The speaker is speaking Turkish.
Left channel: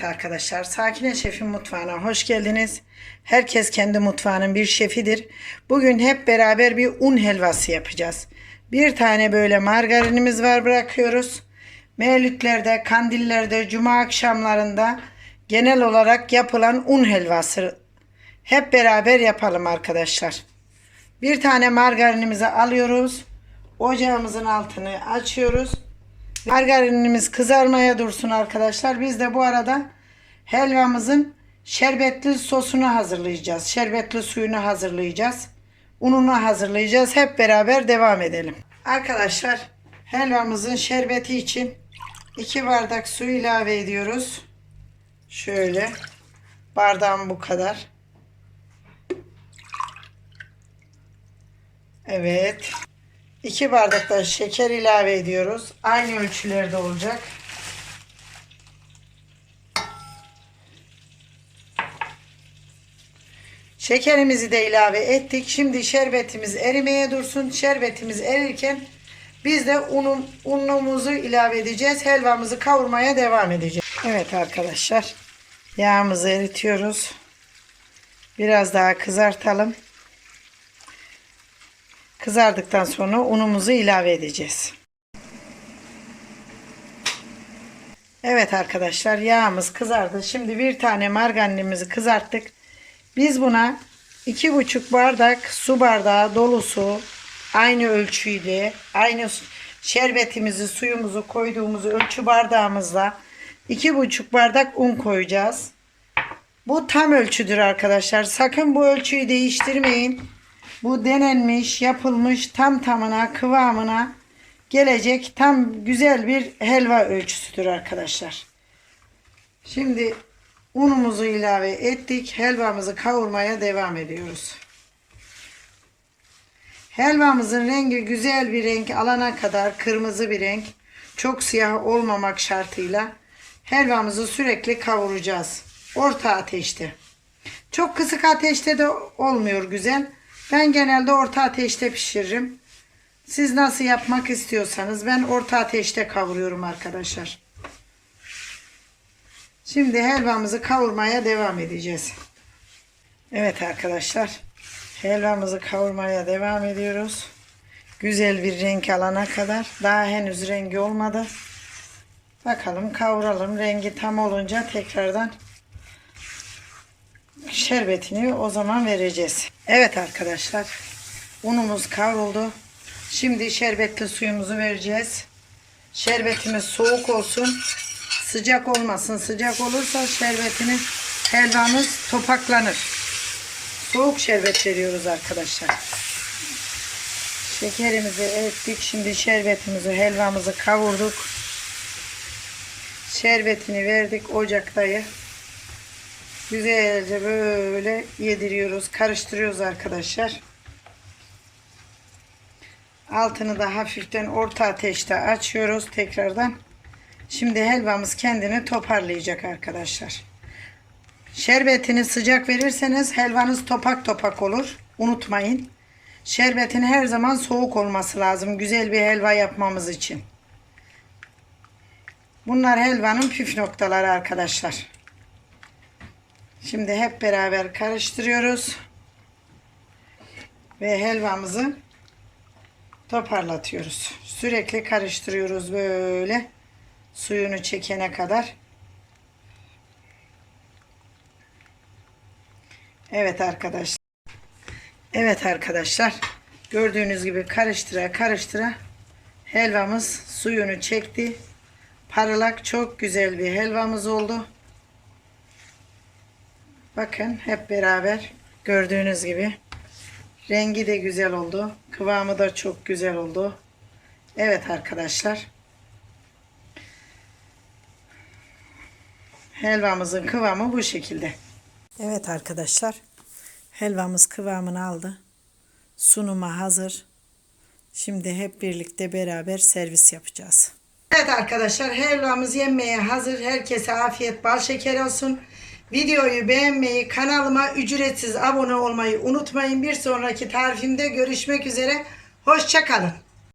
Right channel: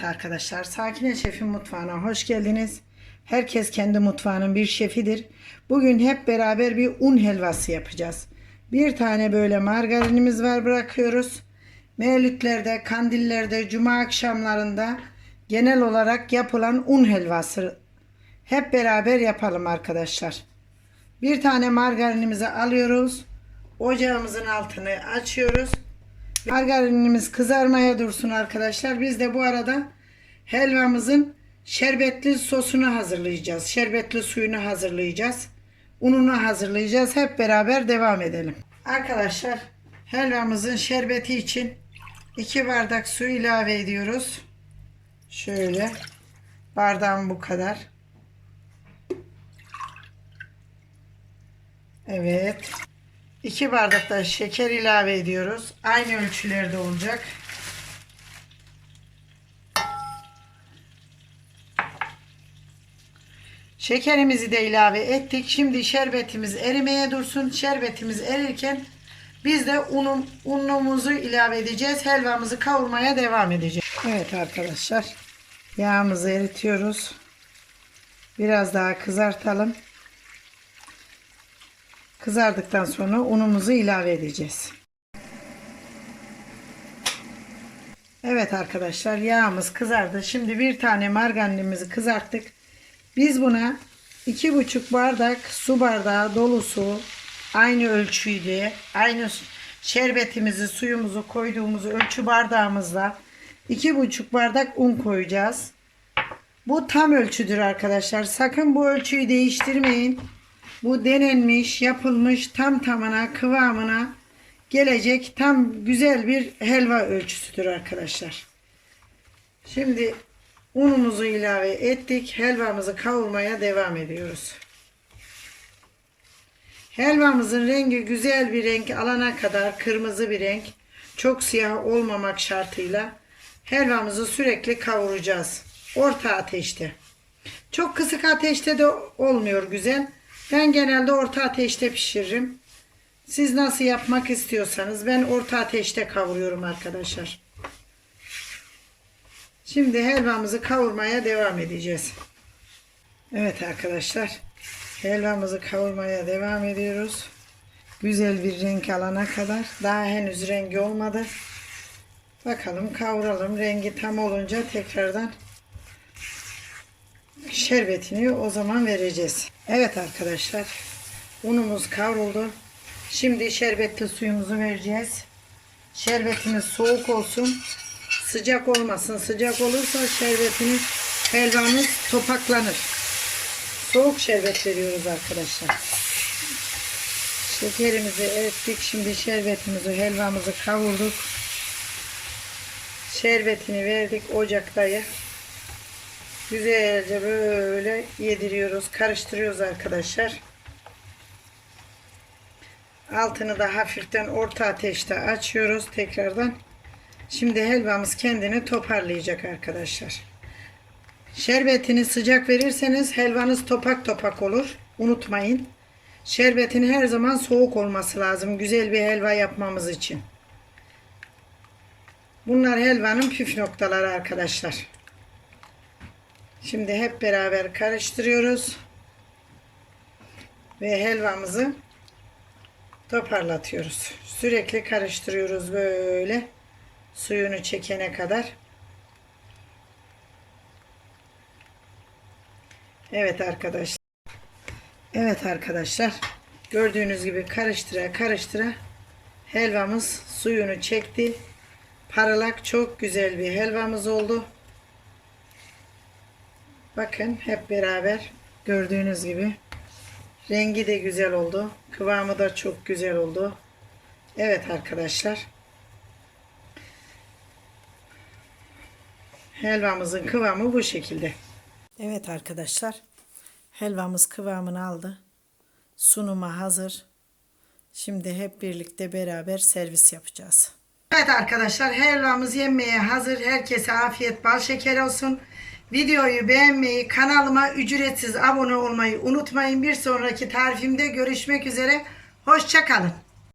Evet arkadaşlar, Sakine Şef'in mutfağına hoş geldiniz. Herkes kendi mutfağının bir şefidir. Bugün hep beraber bir un helvası yapacağız. Bir tane böyle margarinimiz var bırakıyoruz. Mevlütlerde, kandillerde, cuma akşamlarında genel olarak yapılan un helvası. Hep beraber yapalım arkadaşlar. Bir tane margarinimizi alıyoruz. Ocağımızın altını açıyoruz. Margarinimiz kızarmaya dursun arkadaşlar. Biz de bu arada helvamızın şerbetli sosunu hazırlayacağız. Şerbetli suyunu hazırlayacağız. Ununu hazırlayacağız. Hep beraber devam edelim. Arkadaşlar helvamızın şerbeti için 2 bardak su ilave ediyoruz. Şöyle bardağım bu kadar. Evet. 2 bardak da şeker ilave ediyoruz. Aynı ölçülerde olacak. Şekerimizi de ilave ettik. Şimdi şerbetimiz erimeye dursun. Şerbetimiz erirken biz de unum, unumuzu ilave edeceğiz. Helvamızı kavurmaya devam edeceğiz. Evet arkadaşlar. Yağımızı eritiyoruz. Biraz daha kızartalım. Kızardıktan sonra unumuzu ilave edeceğiz. Evet arkadaşlar yağımız kızardı. Şimdi bir tane margarinimizi kızarttık. Biz buna iki buçuk bardak su bardağı dolusu aynı ölçüyle aynı şerbetimizi suyumuzu koyduğumuz ölçü bardağımızla iki buçuk bardak un koyacağız. Bu tam ölçüdür arkadaşlar. Sakın bu ölçüyü değiştirmeyin. Bu denenmiş, yapılmış tam tamına, kıvamına gelecek tam güzel bir helva ölçüsüdür arkadaşlar. Şimdi unumuzu ilave ettik. Helvamızı kavurmaya devam ediyoruz. Helvamızın rengi güzel bir renk alana kadar kırmızı bir renk, çok siyah olmamak şartıyla helvamızı sürekli kavuracağız. Orta ateşte. Çok kısık ateşte de olmuyor güzel. Ben genelde orta ateşte pişiririm. Siz nasıl yapmak istiyorsanız ben orta ateşte kavuruyorum arkadaşlar. Şimdi helvamızı kavurmaya devam edeceğiz. Evet arkadaşlar. Helvamızı kavurmaya devam ediyoruz. Güzel bir renk alana kadar. Daha henüz rengi olmadı. Bakalım kavuralım. Rengi tam olunca tekrardan şerbetini o zaman vereceğiz. Evet arkadaşlar. Unumuz kavruldu. Şimdi şerbetli suyumuzu vereceğiz. Şerbetimiz soğuk olsun. Sıcak olmasın. Sıcak olursa şerbetini helvamız topaklanır. Soğuk şerbet veriyoruz arkadaşlar. Şekerimizi ettik. Şimdi şerbetimizi, helvamızı kavurduk. Şerbetini verdik ocaktayı. Güzelce böyle yediriyoruz, karıştırıyoruz arkadaşlar. Altını da hafiften orta ateşte açıyoruz tekrardan. Şimdi helvamız kendini toparlayacak arkadaşlar. Şerbetini sıcak verirseniz helvanız topak topak olur. Unutmayın. Şerbetin her zaman soğuk olması lazım. Güzel bir helva yapmamız için. Bunlar helvanın püf noktaları arkadaşlar. Şimdi hep beraber karıştırıyoruz. Ve helvamızı toparlatıyoruz. Sürekli karıştırıyoruz böyle suyunu çekene kadar. Evet arkadaşlar. Evet arkadaşlar. Gördüğünüz gibi karıştıra karıştıra helvamız suyunu çekti. Parlak çok güzel bir helvamız oldu. Bakın hep beraber gördüğünüz gibi rengi de güzel oldu. Kıvamı da çok güzel oldu. Evet arkadaşlar. Helvamızın kıvamı bu şekilde. Evet arkadaşlar. Helvamız kıvamını aldı. Sunuma hazır. Şimdi hep birlikte beraber servis yapacağız. Evet arkadaşlar helvamız yenmeye hazır. Herkese afiyet bal şeker olsun. Videoyu beğenmeyi, kanalıma ücretsiz abone olmayı unutmayın. Bir sonraki tarifimde görüşmek üzere. Hoşçakalın.